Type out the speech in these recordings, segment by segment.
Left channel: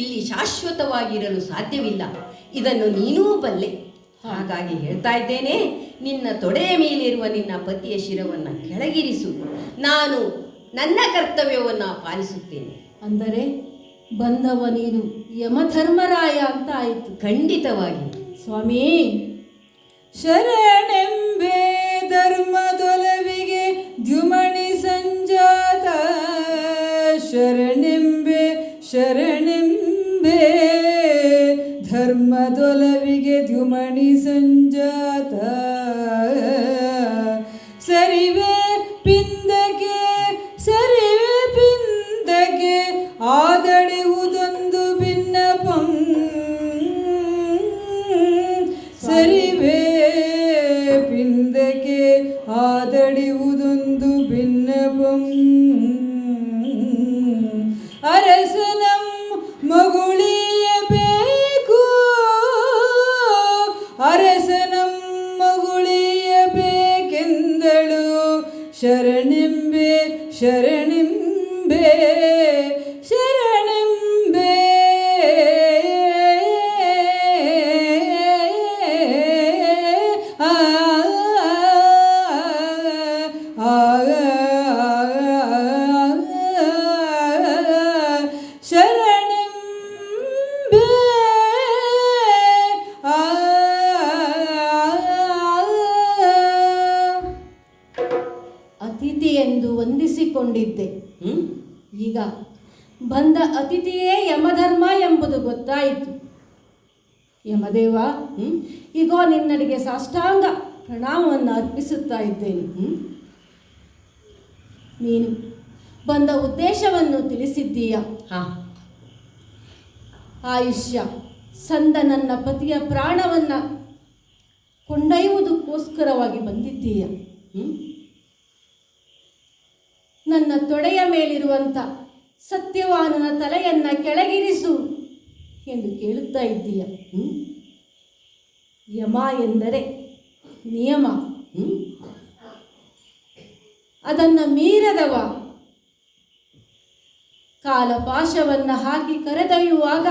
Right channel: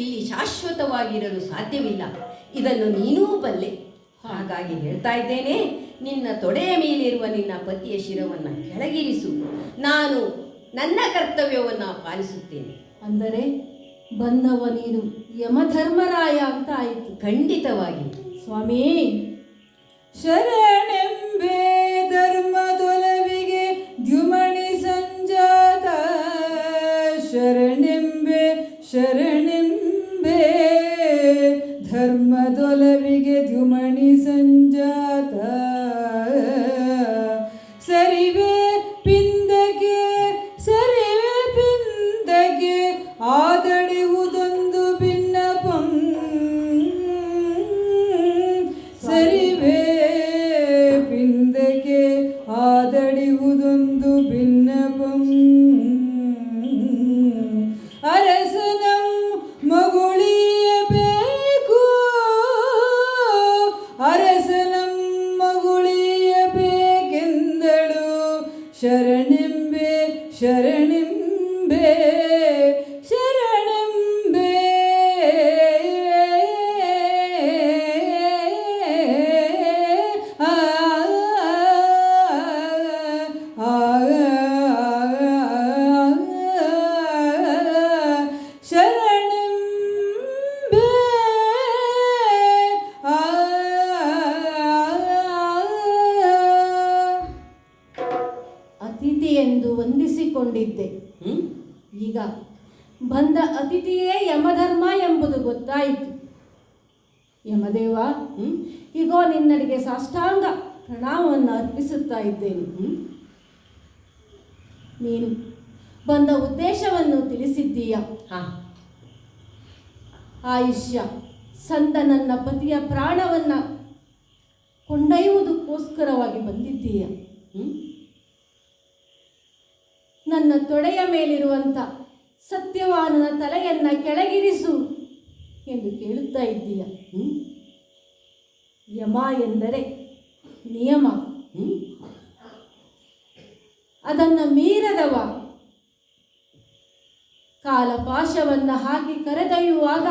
ಇಲ್ಲಿ ಶಾಶ್ವತವಾಗಿರಲು ಸಾಧ್ಯವಿಲ್ಲ. ಇದನ್ನು ನೀನೂ ಬಲ್ಲೆ. ಹಾಗಾಗಿ ಹೇಳ್ತಾ ಇದ್ದೇನೆ, ನಿನ್ನ ತೊಡೆಯ ಮೇಲಿರುವ ನಿನ್ನ ಪತಿಯ ಶಿರವನ್ನು ಕೆಳಗಿರಿಸು. ನಾನು ನನ್ನ ಕರ್ತವ್ಯವನ್ನು ಪಾಲಿಸುತ್ತೇನೆ. ಅಂದರೆ ಬಂದವ ನೀನು ಯಮಧರ್ಮರಾಯ ಅಂತ ಆಯಿತು. ಖಂಡಿತವಾಗಿ ಸ್ವಾಮಿ. ಶರಣೆಂಬೆ ಧರ್ಮದೊಲವಿಗೆ ದ್ಯುಮಣಿ ಸಂಜಾತ, ಶರಣೆಂಬೆ ಶರಣೆಂಬೆ ಧರ್ಮದೊಲವಿಗೆ ದ್ಯುಮಣಿ ಸಂಜಾತ, ಸರಿವೆ ಪಿಂದಗೆ ಸರಿವೆ ಪಿಂದಗೆ ಆದಡೆಯುವುದೊಂದು ಭಿನ್ನಪಂ, ಸರಿವೆ ಪಿಂದಗೆ ಆದಡೆಯುವುದೊಂದು ಭಿನ್ನಪಂ, ಅರಸನಂ ಮಗುಳಿಯಬೇಕು, ಅರಸನಂ ಮಗುಳಿಯಬೇಕೆಂದಳು, ಶರಣೆಂಬೆ ಶರಣೆಂಬೆ ಶರಣೆಂಬೆ. ಅತಿಥಿ ಎಂದು ವಂದಿಸಿಕೊಂಡಿದ್ದೆ. ಈಗ ಬಂದ ಅತಿಥಿಯೇ ಯಮಧರ್ಮ ಎಂಬುದು ಗೊತ್ತಾಯಿತು. ಯಮದೇವ, ಈಗೋ ನಿನ್ನಡಿಗೆ ಸಾಷ್ಟಾಂಗ ಪ್ರಣಾಮವನ್ನು ಅರ್ಪಿಸುತ್ತಾ ಇದ್ದೇನೆ. ನೀನು ಬಂದ ಉದ್ದೇಶವನ್ನು ತಿಳಿಸಿದ್ದೀಯ. ಆಯುಷ್ಯ ಸಂದ ನನ್ನ ಪತಿಯ ಪ್ರಾಣವನ್ನು ಕೊಂಡೊಯ್ಯುವುದಕ್ಕೋಸ್ಕರವಾಗಿ ಬಂದಿದ್ದೀಯ. ನನ್ನ ತೊಡೆಯ ಮೇಲಿರುವಂಥ ಸತ್ಯವಾನನ ತಲೆಯನ್ನ ಕೆಳಗಿರಿಸು ಎಂದು ಕೇಳುತ್ತಾ ಇದ್ದೀಯ. ಯಮ ಎಂದರೆ ನಿಯಮ, ಅದನ್ನು ಮೀರದವ ಕಾಲಪಾಶವನ್ನು ಹಾಕಿ ಕರೆದೊಯ್ಯುವಾಗ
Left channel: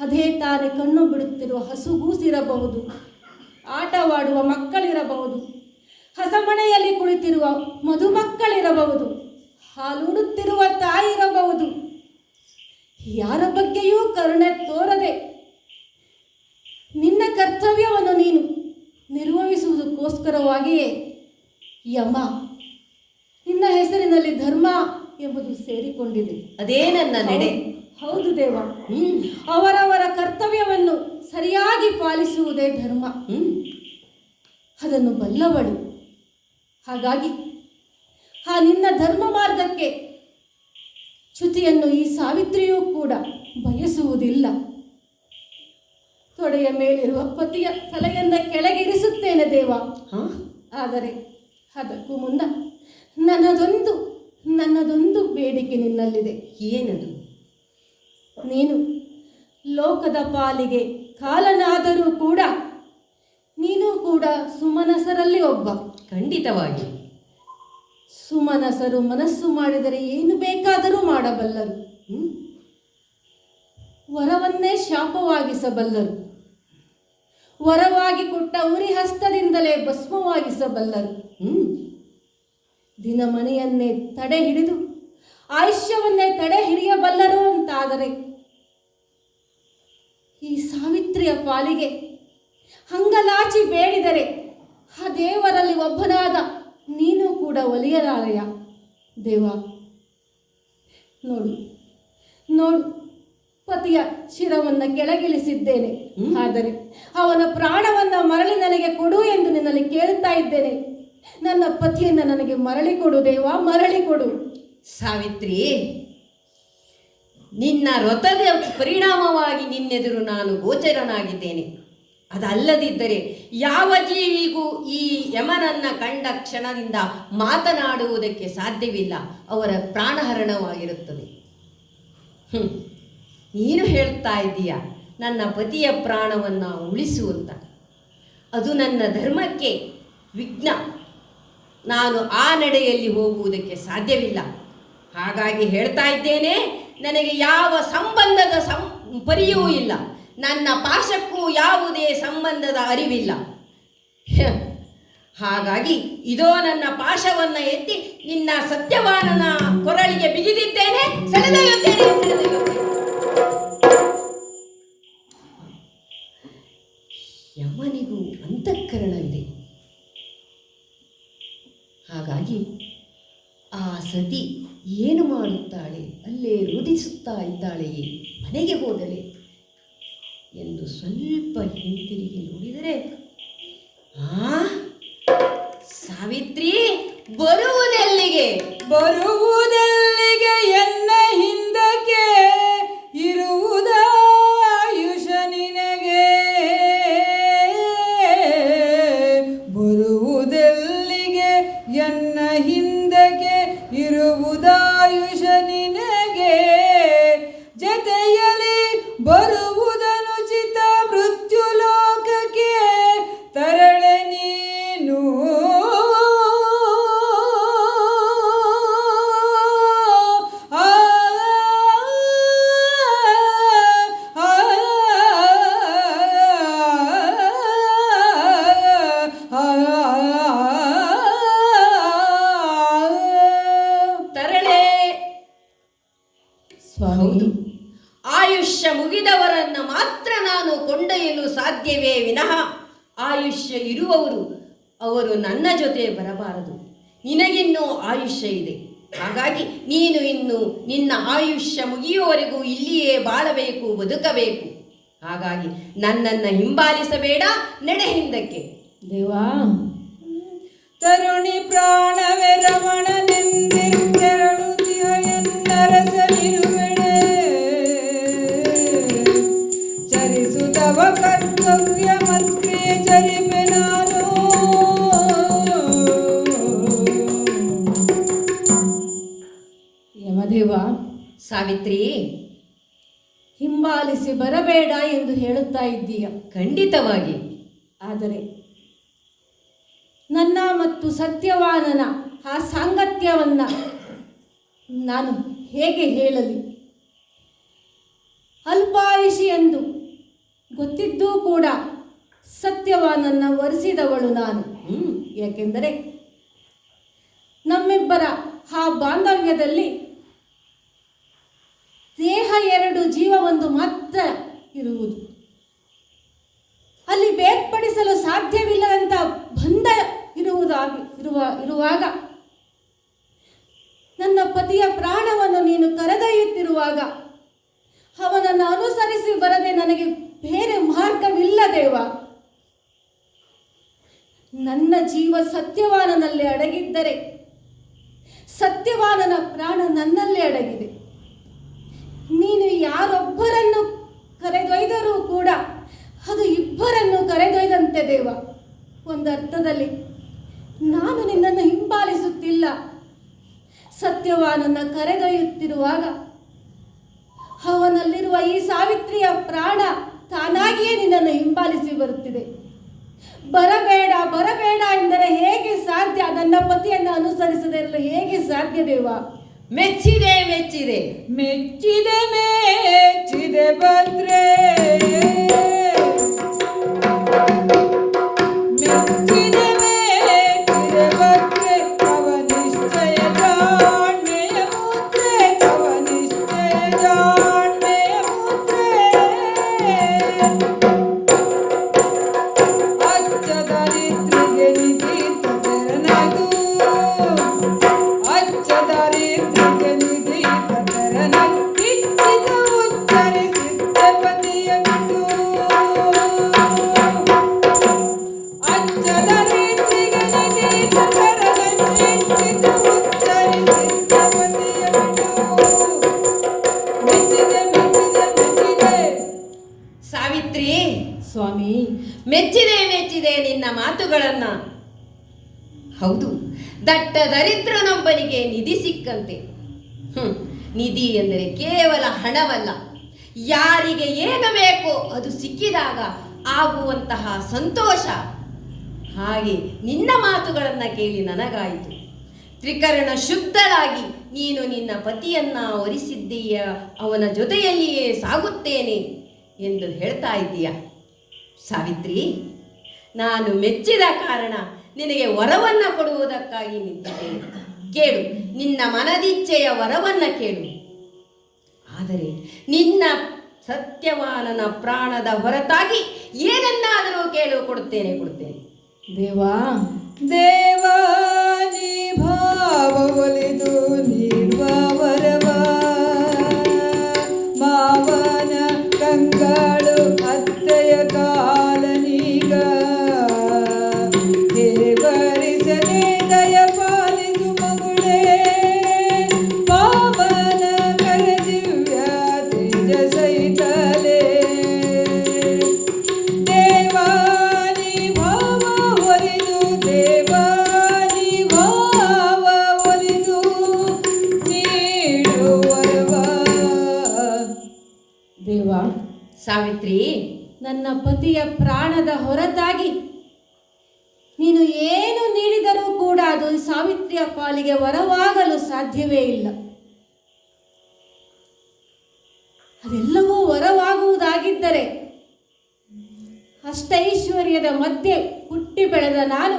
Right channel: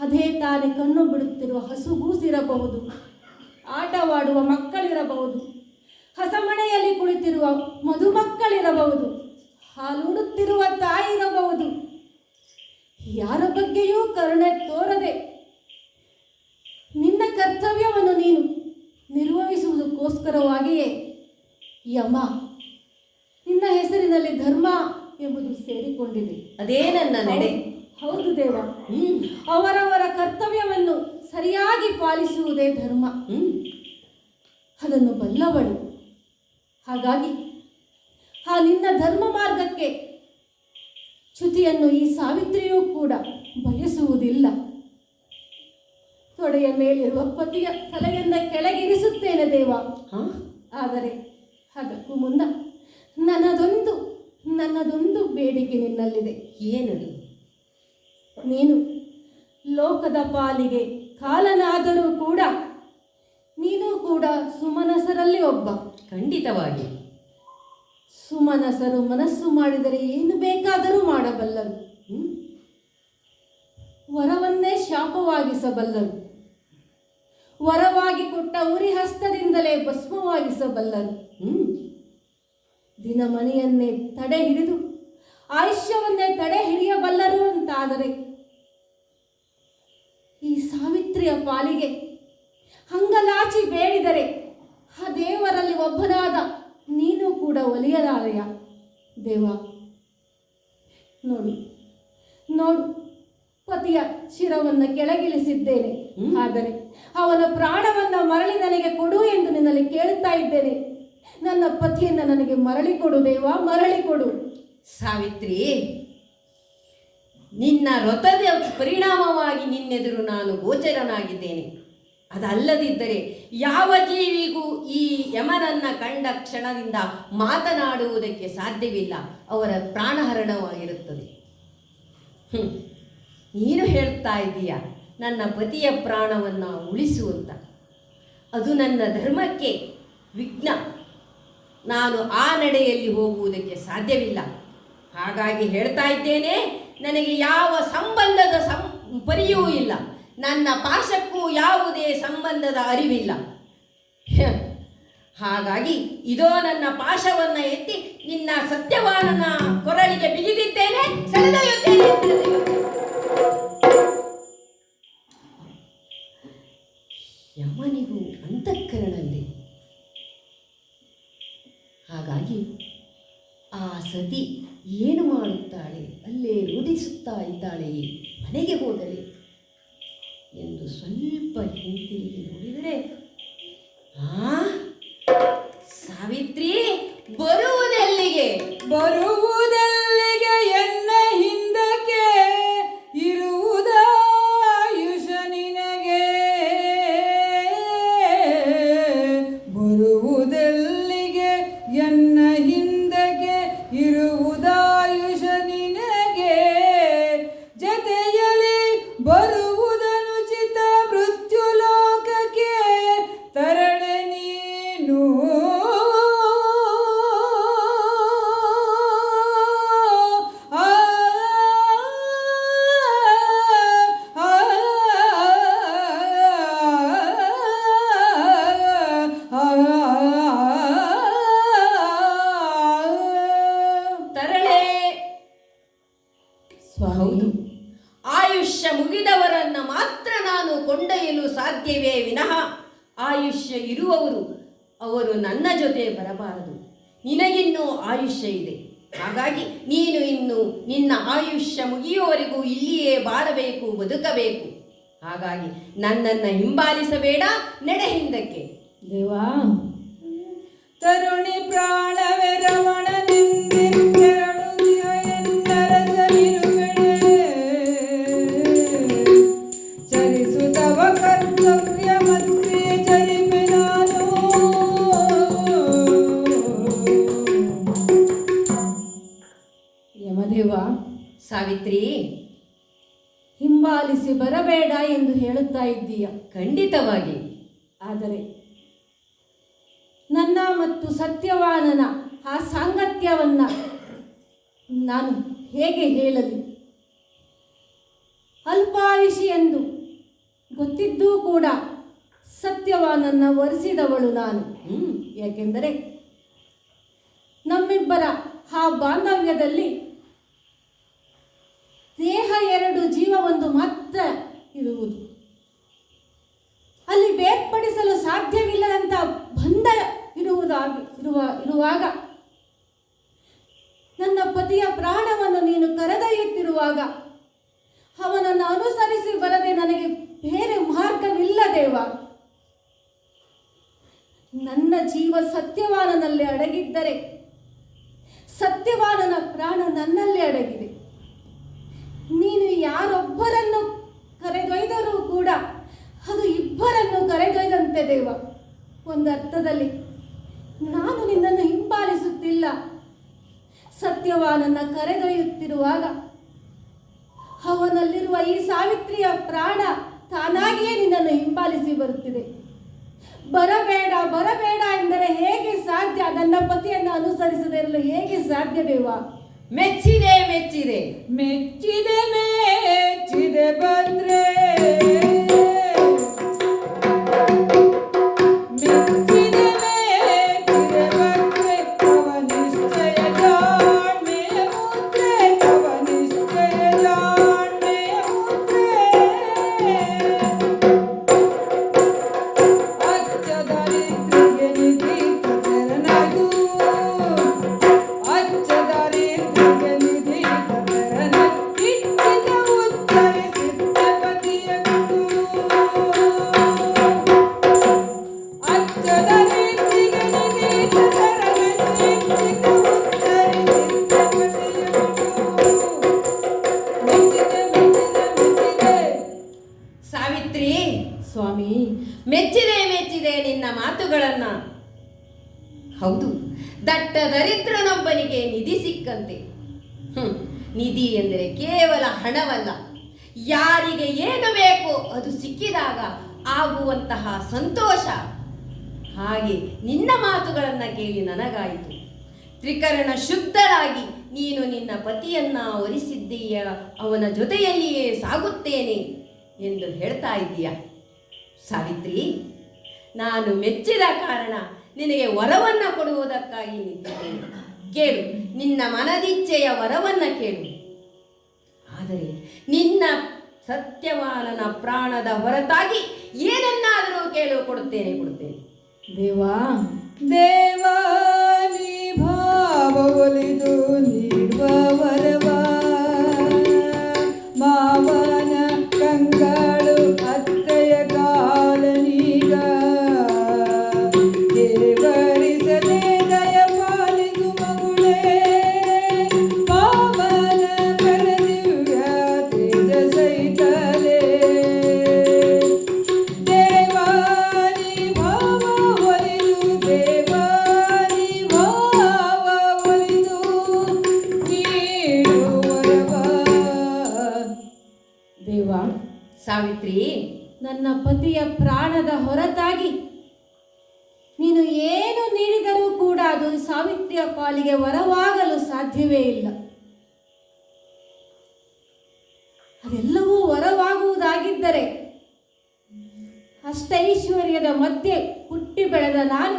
ಅದೇ ತಾನೇ ಕಣ್ಣು ಬಿಡುತ್ತಿರುವ ಹಸುಗೂಸಿರಬಹುದು, ಆಟವಾಡುವ ಮಕ್ಕಳಿರಬಹುದು, ಹಸಮಣೆಯಲ್ಲಿ ಕುಳಿತಿರುವ ಮಧುಮಕ್ಕಳಿರಬಹುದು, ಹಾಲುಡುತ್ತಿರುವ ತಾಯಿ ಇರಬಹುದು. ಯಾರ ಬಗ್ಗೆಯೂ ಕರುಣೆ ತೋರದೆ ನಿನ್ನ ಕರ್ತವ್ಯವನ್ನು ನೀನು ನಿರ್ವಹಿಸುವುದಕ್ಕೋಸ್ಕರವಾಗಿಯೇ ಯಮ ನಿನ್ನ ಹೆಸರಿನಲ್ಲಿ ಧರ್ಮ ಎಂಬುದು ಸೇರಿಕೊಂಡಿದೆ. ಅದೇ ನನ್ನ ನಡೆ. ಹೌದು ದೇವ, ಅವರವರ ಕರ್ತವ್ಯವನ್ನು ಸರಿಯಾಗಿ ಪಾಲಿಸುವುದೇ ಧರ್ಮ. ಅದನ್ನು ಬಲ್ಲವಳು. ಹಾಗಾಗಿ ಆ ನಿನ್ನ ಧರ್ಮ ಮಾರ್ಗಕ್ಕೆ ಚ್ಯುತಿಯನ್ನು ಈ ಸಾವಿತ್ರಿಯೂ ಕೂಡ ಬಯಸುವುದಿಲ್ಲ. ತೊಡೆಯ ಮೇಲಿರುವ ಪತಿಯ ತಲೆಯಿಂದ ಕೆಳಗಿರಿಸುತ್ತೇನೆ ದೇವ. ಆದರೆ ಅದಕ್ಕೂ ಮುನ್ನ ನನ್ನದೊಂದು ಬೇಡಿಕೆ ನಿನ್ನಲ್ಲಿದೆ. ಏನದು? ನೀನು ಲೋಕದ ಪಾಲಿಗೆ ಕಾಲನಾದರೂ ಕೂಡ ನೀನು ಕೂಡ ಸುಮನಸರಲ್ಲಿ ಒಬ್ಬ. ಖಂಡಿತವಾಗಿ. ಸುಮನಸರು ಮನಸ್ಸು ಮಾಡಿದರೆ ಏನು ಬೇಕಾದರೂ ಮಾಡಬಲ್ಲರು. ವರವನ್ನೇ ಶಾಪವಾಗಿಸಬಲ್ಲರು. ವರವಾಗಿ ಕೊಟ್ಟ ಉರಿ ಹಸ್ತದಿಂದಲೇ ಭಸ್ಮವಾಗಿಸಬಲ್ಲರು. ದಿನಮಣಿಯನ್ನೇ ತಡೆ ಹಿಡಿದು ಆಯುಷ್ಯವನ್ನೇ ತಡೆ ಹಿಡಿಯಬಲ್ಲರು ಅಂತಾದರೆ ಈ ಸಾವಿತ್ರಿಯ ಪಾಲಿಗೆ ಹಂಗಲಾಚಿ ಬೇಡಿದರೆ ಆ ದೇವರಲ್ಲಿ ಒಬ್ಬನಾದ ನೀನು ಕೂಡ ಒಲಿಯಲಾರೆಯ ದೇವ. ನೋಡು ನೋಡು, ಪತಿಯ ಶಿರವನ್ನು ಕೆಳಗಿಳಿಸಿದ್ದೇನೆ. ಆದರೆ ಅವನ ಪ್ರಾಣವನ್ನು ಮರಳಿ ನನಗೆ ಕೊಡು ಎಂದು ನಿನ್ನಲ್ಲಿ ಕೇಳುತ್ತಾ ಇದ್ದೇನೆ. ನನ್ನ ಪತಿಯನ್ನು ನನಗೆ ಮರಳಿ ಕೊಡು ದೇವ, ಮರಳಿ ಕೊಡು. ಸಾವಿತ್ರಿ, ನಿನ್ನ ವ್ರತದ ಪರಿಣಾಮವಾಗಿ ನಿನ್ನೆದುರು ನಾನು ಗೋಚರನಾಗಿದ್ದೇನೆ. ಅದಲ್ಲದಿದ್ದರೆ ಯಾವ ಜೀವಿಗೂ ಈ ಯಮನನ್ನ ಕಂಡ ಕ್ಷಣದಿಂದ ಮಾತನಾಡುವುದಕ್ಕೆ ಸಾಧ್ಯವಿಲ್ಲ. ಅವರ ಪ್ರಾಣಹರಣವಾಗಿರುತ್ತದೆ. ನೀನು ಹೇಳ್ತಾ ಇದ್ದೀಯ ನನ್ನ ಪತಿಯ ಪ್ರಾಣವನ್ನು ಉಳಿಸುವಂತ. ಅದು ನನ್ನ ಧರ್ಮಕ್ಕೆ ವಿಘ್ನ. ನಾನು ಆ ನಡೆಯಲ್ಲಿ ಹೋಗುವುದಕ್ಕೆ ಸಾಧ್ಯವಿಲ್ಲ. ಹಾಗಾಗಿ ಹೇಳ್ತಾ ಇದ್ದೇನೆ, ನನಗೆ ಯಾವ ಸಂಬಂಧದ ಪರಿಯೂ ಇಲ್ಲ. ನನ್ನ ಪಾಶಕ್ಕೂ ಯಾವುದೇ ಸಂಬಂಧದ ಅರಿವಿಲ್ಲ. ಹಾಗಾಗಿ ಇದೋ ನನ್ನ ಪಾಶವನ್ನ ಎತ್ತಿ ನಿನ್ನ ಸತ್ಯವಾನನ ಕೊರಳಿಗೆ ಬಿಗಿದಿದ್ದೇನೆ, ಸೆಳೆದೊಯ್ಯುತ್ತೇನೆ. ಯಮನಿಗೂ ಅಂತಃಕರಣವಿದೆ. ಹಾಗಾಗಿ ಆ ಸತಿ ಏನು ಮಾಡುತ್ತಾಳೆ, ಅಲ್ಲೇ ರುದಿಸುತ್ತಾ ಇದ್ದಾಳೆಯೇ, ಮನೆಗೆ ಹೋದಳೆ ಎಂದು ಸ್ವಲ್ಪ ಹಿಂತಿರುಗಿ ನೋಡಿದರೆ, ಸಾವಿತ್ರಿ ಬರುವುದೆಲ್ಲಿಗೆ ಎನ್ನ ಹಿಂದಕ್ಕೆ ಇರುವುದ ಆಯುಷ ನಿನಗೆ, ಬರುವುದೆಲ್ಲಿಗೆ ಎನ್ನ ಹಿಂದಕ್ಕೆ ಇರುವುದಾಯುಷ ನಿನಗೆ, ಜತೆಯಲ್ಲಿ ಬರುವುದನುಚಿತ ಮೃತ್ಯು ಲೋಕಕ್ಕೆ ತರಳೆ ನೀನು. ತರಳೆ. ಹೌದು, ಆಯುಷ್ಯ ಮುಗಿದವರನ್ನ ಮಾತ್ರ ನಾನು ಕೊಂಡೊಯ್ಯಲು ಸಾಧ್ಯವೇ ವಿನಃ ಆಯುಷ್ಯ ಇರುವವರು ಅವರು ನನ್ನ ಜೊತೆ ಬರಬಾರದು. ನಿನಗಿನ್ನೂ ಆಯುಷ್ಯ ಇದೆ. ಹಾಗಾಗಿ ನೀನು ಇನ್ನು ನಿನ್ನ ಆಯುಷ್ಯ ಮುಗಿಯುವವರೆಗೂ ಇಲ್ಲಿಯೇ ಬಾಳಬೇಕು, ಬದುಕಬೇಕು. ಹಾಗಾಗಿ ನನ್ನನ್ನು ಹಿಂಬಾಲಿಸಬೇಡ, ನಡೆ ಹಿಂದಕ್ಕೆ. ದೇವಾ, ತರುಣಿ ಪ್ರಾಣವೇ ರಮಣನೆಂದೆರಡುದಿಯ ಎನ್ನರಸಲಿರುವೆಳೆ, ಚರಿಸುತ್ತವ ಕರ್ತವ್ಯ ಮತ್ಕ್ರಿಯೆ ಚರಿಪೆ ನಾನು. ಯಮದೇವ, ಸಾವಿತ್ರಿ, ಹಿಂಬಾಲಿಸಿ ಬರಬೇಡ ಎಂದು ಹೇಳುತ್ತಾ ಇದ್ದೀಯ. ಖಂಡಿತವಾಗಿ. ಆದರೆ ನನ್ನ ಮತ್ತು ಸತ್ಯವಾನನ ಆ ಸಾಂಗತ್ಯವನ್ನ ನಾನು ಹೇಗೆ ಹೇಳಲಿ? ಅಲ್ಪಾಯುಷಿ ಎಂದು ಗೊತ್ತಿದ್ದೂ ಕೂಡ ಸತ್ಯವಾನನ್ನ ವರಿಸಿದವಳು ನಾನು. ಯಾಕೆಂದರೆ ನಮ್ಮಿಬ್ಬರ ಆ ಬಾಂಧವ್ಯದಲ್ಲಿ ದೇಹ ಎರಡು, ಜೀವ ಒಂದು ಮಾತ್ರ ಇರುವುದು. ಅಲ್ಲಿ ಬೇರ್ಪಡಿಸಲು ಸಾಧ್ಯವಿಲ್ಲದಂತ ಬಂಧ ಇರುವಾಗ ನನ್ನ ಪತಿಯ ಪ್ರಾಣವನ್ನು ನೀನು ಕರೆದೊಯ್ಯುತ್ತಿರುವಾಗ ಅವನನ್ನು ಅನುಸರಿಸಿ ಬರದೆ ನನಗೆ ಬೇರೆ ಮಾರ್ಗವಿಲ್ಲ ದೇವ. ನನ್ನ ಜೀವ ಸತ್ಯವಾನನಲ್ಲಿ ಅಡಗಿದ್ದರೆ ಸತ್ಯವಾನನ ಪ್ರಾಣ ನನ್ನಲ್ಲೇ ಅಡಗಿದೆ. ನೀನು ಯಾರೊಬ್ಬರನ್ನು ಕರೆದೊಯ್ದರೂ ಕೂಡ ಅದು ಇಬ್ಬರನ್ನು ಕರೆದೊಯ್ದಂತೆ ದೇವ. ಒಂದರ್ಥದಲ್ಲಿ ನಾನು ನಿನ್ನನ್ನು ಹಿಂಬಾಲಿಸುತ್ತಿಲ್ಲ, ಸತ್ಯವಾನನ್ನ ಕರೆದೊಯ್ಯುತ್ತಿರುವಾಗ ಅವನಲ್ಲಿರುವ ಈ ಸಾವಿತ್ರಿಯ ಪ್ರಾಣ ತಾನಾಗಿಯೇ ನಿನ್ನನ್ನು ಹಿಂಬಾಲಿಸಿ ಬರುತ್ತಿದೆ. ಬರಬೇಡ ಬರಬೇಡ ಎಂದರೆ ಹೇಗೆ ಸಾಧ್ಯ? ನನ್ನ ಪತಿಯನ್ನು ಅನುಸರಿಸದೇ ಇರಲು ಹೇಗೆ ಸಾಧ್ಯ ದೇವ? ಮೆಚ್ಚಿದೆ ಮೆಚ್ಚಿದೆ ಮೆಚ್ಚಿದೆ ಮೆಚ್ಚಿದೆ ಬಂದ್ರೆ, ಮೆಚ್ಚಿದೆ ಮೆಚ್ಚಿದೆ ಬಂದ್ರೆ ತವ ನಿಶ್ಚಯ ಜಾಣ್ಮೆಯ ಮುದ್ರೆ, ತವ ನಿಶ್ಚಯ ಜಾಣ್ಮೆಯ ಮುದ್ರೆ. ಅಚ್ಚ ದರಿದ್ರಿಗೆ ನಿಧೀತ ತೆರನದು, ಅಚ್ಚ ದರಿದ್ರಿಗೆ ನಿಧೀತ ತೆರನದು, ಇಚ್ಛಿತ ಉಚ್ಚರಿಸಿದ್ದ ಪತಿಯನ್ನು. ಅಚ್ಚ ದರಿದ್ರಿಗೆ ನಿಧೀತ ತೆರನದು, ಇಚ್ಛಿತ ಉಚ್ಚರಿಸಿದ್ದ ಪತಿಯನ್ನು. ಮೆಚ್ಚಿದೆ ಮೆಚ್ಚಿದೆ ಮೆಚ್ಚಿದೆ. ಸಾವಿತ್ರಿ, ಸ್ವಾಮಿ, ಮೆಚ್ಚಿದೆ ಮೆಚ್ಚಿದೆ ನಿನ್ನ ಮಾತುಗಳನ್ನ. ಹೌದು, ದಟ್ಟ ದರಿದ್ರನೊಬ್ಬನಿಗೆ ನಿಧಿ ಸಿಕ್ಕಂತೆ. ನಿಧಿ ಎಂದರೆ ಕೇವಲ ಹಣವಲ್ಲ, ಯಾರಿಗೆ ಏನು ಬೇಕೋ ಅದು ಸಿಕ್ಕಿದಾಗ ಆಗುವಂತಹ ಸಂತೋಷ. ಹಾಗೆ ನಿನ್ನ ಮಾತುಗಳನ್ನು ಕೇಳಿ ನನಗಾಯಿತು. ತ್ರಿಕರಣ ಶುದ್ಧರಾಗಿ ನೀನು ನಿನ್ನ ಪತಿಯನ್ನ ವರಿಸಿದ್ದೀಯ, ಅವನ ಜೊತೆಯಲ್ಲಿಯೇ ಸಾಗುತ್ತೇನೆ ಎಂದು ಹೇಳ್ತಾ ಇದ್ದೀಯ. ಸಾವಿತ್ರಿ, ನಾನು ಮೆಚ್ಚಿದ ಕಾರಣ ನಿನಗೆ ವರವನ್ನ ಕೊಡುವುದಕ್ಕಾಗಿ ನಿಂತಿದ್ದೇನೆ. ಕೇಳು, ನಿನ್ನ ಮನದಿಚ್ಛೆಯ ವರವನ್ನ ಕೇಳು. ಆದರೆ ನಿನ್ನ ಸತ್ಯವಾನನ ಪ್ರಾಣದ ಹೊರತಾಗಿ ಏನನ್ನಾದರೂ ಕೇಳು, ಕೊಡುತ್ತೇನೆ. ದೇವಾ, ದೇವಾನಿ ಭಾವ ಒಲಿದು ನೀಡುವ ವರವ, ಮಾವನ ಕಂಗಳು ಅತ್ತೆಯ ಕಾಲನೀಗ, ದೇವರಿಸದೆ ದಯ ಪಾಲಿಸುವ ಗುಣೇ, ಮಾವನ ಕರದಿವ್ಯ ತೇಜ ಸಹಿತಲೇ. ದೇವಾನಿ ಭಾವ ಒಲಿದು, ದೇವಾನಿ ಭಾವ ಒಲಿದು ನೀಡುವರವ. ದೇವಾ, ಸಾವಿತ್ರಿ, ನನ್ನ ಪತಿಯ ಪ್ರಾಣದ ಹೊರತಾಗಿ ನೀನು ಏನು ನೀಡಿದರೂ ಕೂಡ ಅದು ಸಾವಿತ್ರಿಯ ಪಾಲಿಗೆ ವರವಾಗಲು ಸಾಧ್ಯವೇ ಇಲ್ಲ. ಅದೆಲ್ಲವೂ ವರವಾಗುವುದಾಗಿದ್ದರೆ ಅಷ್ಟೈಶ್ವರ್ಯದ ಮಧ್ಯೆ ಹುಟ್ಟಿ ಬೆಳೆದ ನಾನು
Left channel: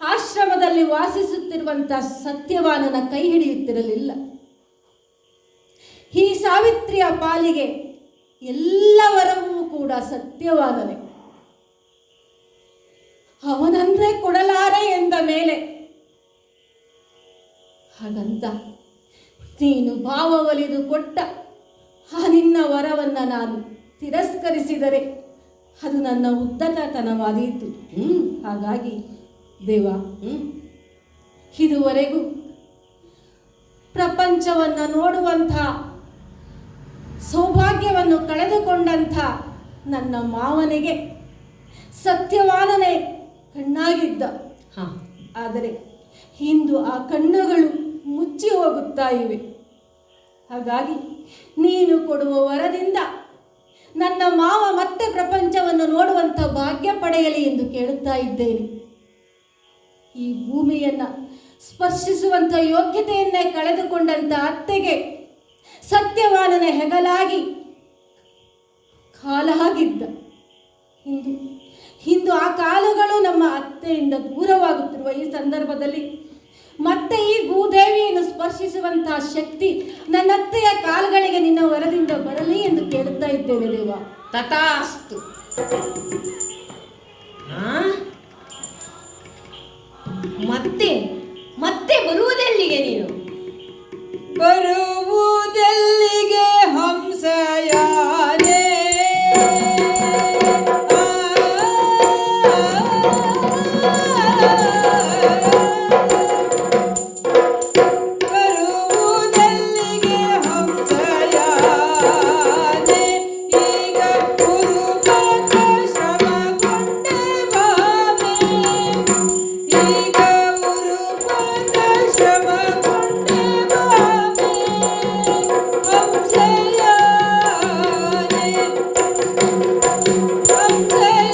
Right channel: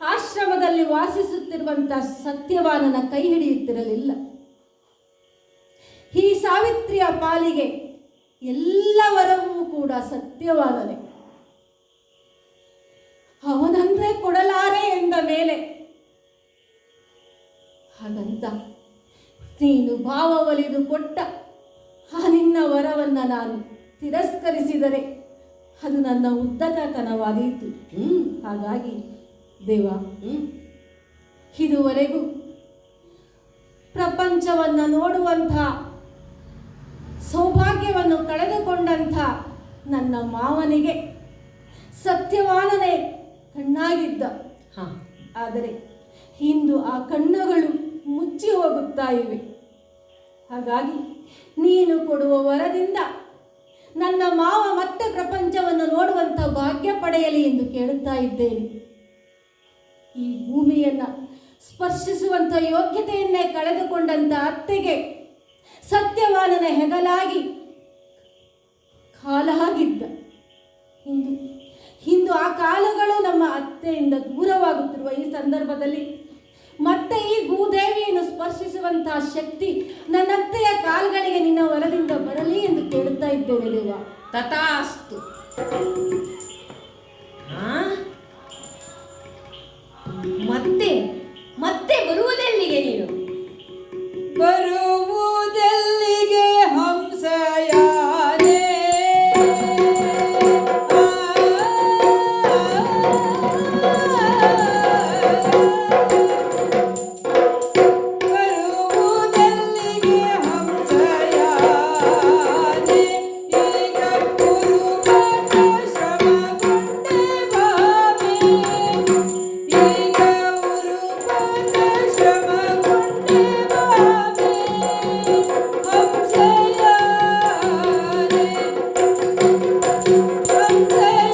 ಆಶ್ರಮದಲ್ಲಿ ವಾಸಿಸುತ್ತಿರುವಂತಹ ಸತ್ಯವಾನನ ಕೈ ಹಿಡಿಯುತ್ತಿರಲಿಲ್ಲ. ಈ ಸಾವಿತ್ರಿಯ ಪಾಲಿಗೆ ಎಲ್ಲ ವರವೂ ಕೂಡ ಸತ್ಯವಾನನೇ. ಅವನಂದ್ರೆ ಕೊಡಲಾರೆ ಎಂದ ಮೇಲೆ ಹಾಗಂತ ನೀನು ಭಾವ ಒಲಿದು ಕೊಟ್ಟ ಆ ನಿನ್ನ ವರವನ್ನ ನಾನು ತಿರಸ್ಕರಿಸಿದರೆ ಅದು ನನ್ನ ಉದ್ದಟತನವಾದೀತು. ಹಾಗಾಗಿ ದೇವ, ಇದುವರೆಗೂ ಪ್ರಪಂಚವನ್ನ ನೋಡುವಂಥ ಸೌಭಾಗ್ಯವನ್ನು ಕಳೆದುಕೊಂಡಂಥ ನನ್ನ ಮಾವನಿಗೆ ಸತ್ಯವಾನನೇ ಕಣ್ಣಾಗಿದ್ದ. ಆದರೆ ಇಂದು ಆ ಕಣ್ಣುಗಳು ಮುಚ್ಚಿ ಹೋಗುತ್ತಾ ಇವೆ. ಹಾಗಾಗಿ ನೀನು ಕೊಡುವ ವರದಿಂದ ನನ್ನ ಮಾವ ಮತ್ತೆ ಪ್ರಪಂಚವನ್ನು ನೋಡುವಂಥ ಭಾಗ್ಯ ಪಡೆಯಲಿ ಎಂದು ಕೇಳುತ್ತಾ ಇದ್ದೇನೆ. ಈ ಭೂಮಿಯನ್ನ ಸ್ಪರ್ಶಿಸುವಂಥ ಯೋಗ್ಯತೆಯನ್ನೇ ಕಳೆದುಕೊಂಡಂಥ ಅತ್ತೆಗೆ ಸತ್ಯವಾನನ ಹೆಗಲಾಗಿ ಕಾಲಾಗಿದ್ದ. ಇಂದು ಆ ಕಾಲುಗಳು ನಮ್ಮ ಅತ್ತೆಯಿಂದ ದೂರವಾಗುತ್ತಿರುವ ಈ ಸಂದರ್ಭದಲ್ಲಿ ಮತ್ತೆ ಈ ಭೂದೇವಿಯನ್ನು ಸ್ಪರ್ಶಿಸುವಂತಹ ಶಕ್ತಿ ನನ್ನ ಅತ್ತೆಯ ಕಾಲುಗಳಿಗೆ ನಿನ್ನ ವರದಿಂದ ಬರಲಿ ಎಂದು ಕೇಳುತ್ತಾ ಇದ್ದೇನೆ ದೇವ. ತಥಾಸ್ತು. ಮತ್ತೆ ಮತ್ತೆ ಬರುವುದೆಲ್ಲಿಗೆ ನೀನು? ಬರುವುದೆಲ್ಲಿಗೆ ಹಂಸಯಾನೆ, ಬರುವುದೆಲ್ಲಿಗೆ ಹಂಸಯಾನೆ, ಈಗ ಗುರುಮತ ಶ್ರಮಗೊಂಡೆ ಭಾವಿ, ಈಗ ಗುರುಮತ ಶ್ರಮಗೊಂಡೆ ಭಾವಿ, ಹಂಸಯಾನೆ ಹಂಸಯಾನೆ.